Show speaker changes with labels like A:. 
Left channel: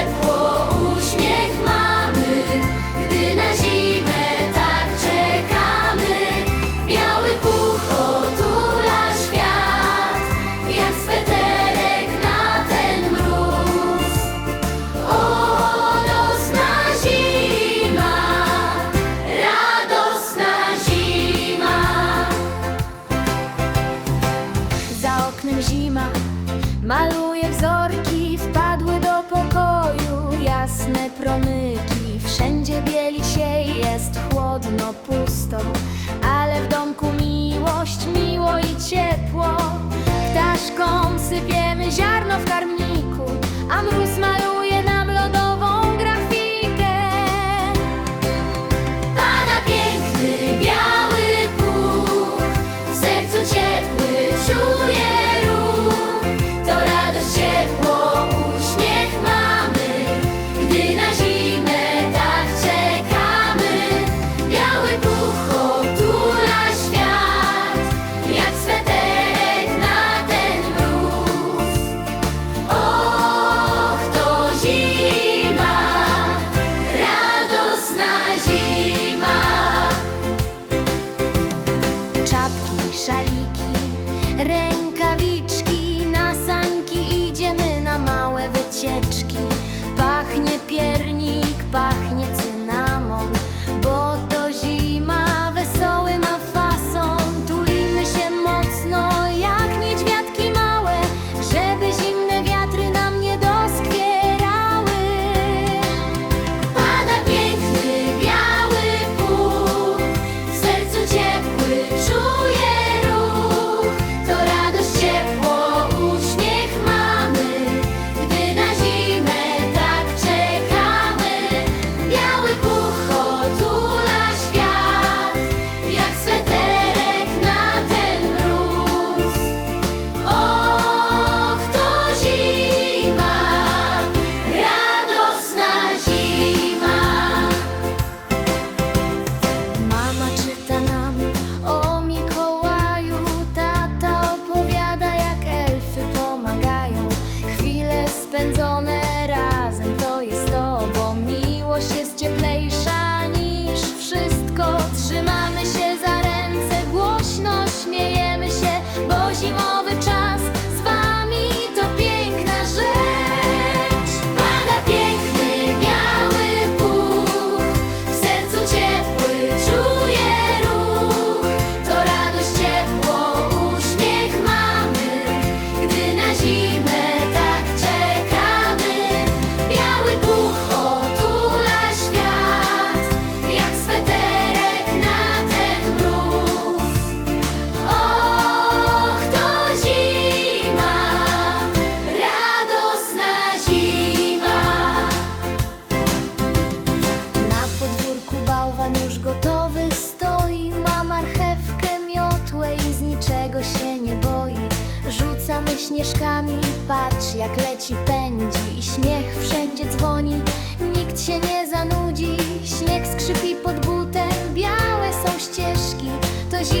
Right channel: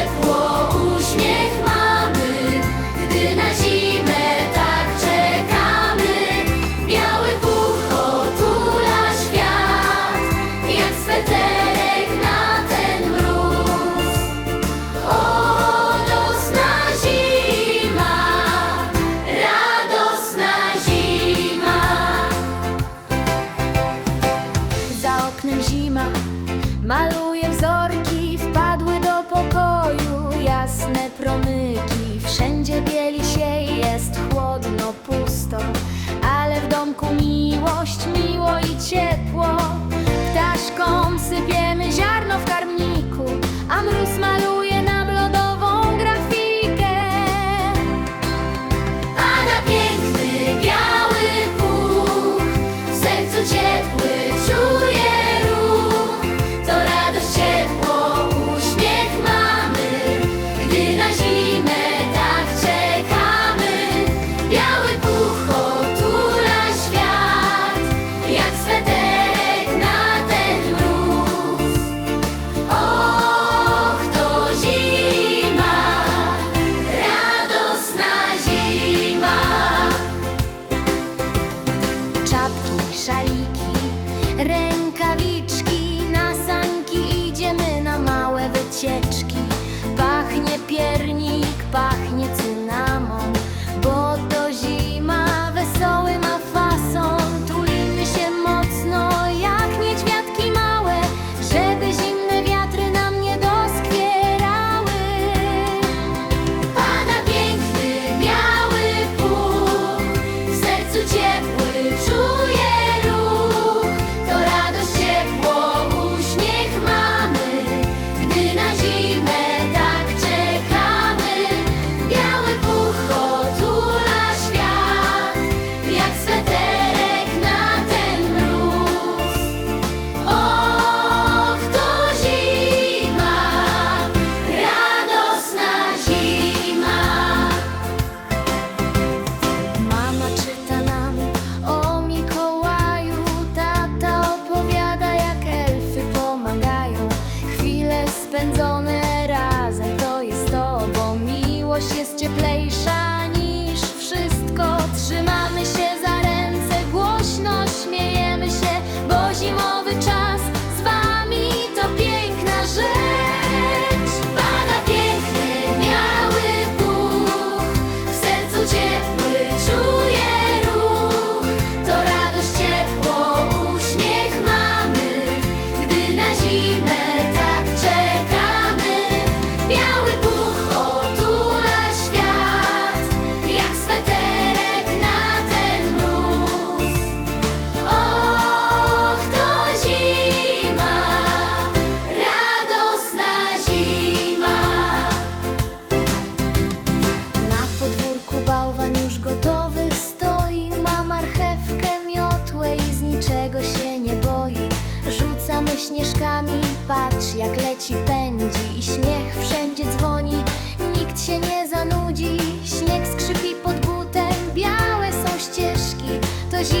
A: it. zima. Maluje wzorki, wpadły do pokoju. Jasne promyki, wszędzie bieli się Jest chłodno, pusto, ale w domku miłość Miło i ciepło, ptaszkom sypiemy ziarno w karmniku szaliki, rękawiczki, na sanki idziemy na małe wycieczki. Pachnie piernik, pachnie spędzone razem to jest to, bo miłość jest cieplejsza niż wszystko. Trzymamy już gotowy stoi, ma marchewkę, miotłę i z niczego się nie boi. Rzucamy śnieżkami, patrz jak leci, pędzi i śmiech wszędzie dzwoni. Nikt się nie zanudzi, śnieg skrzypi pod butem, białe są ścieżki. To zima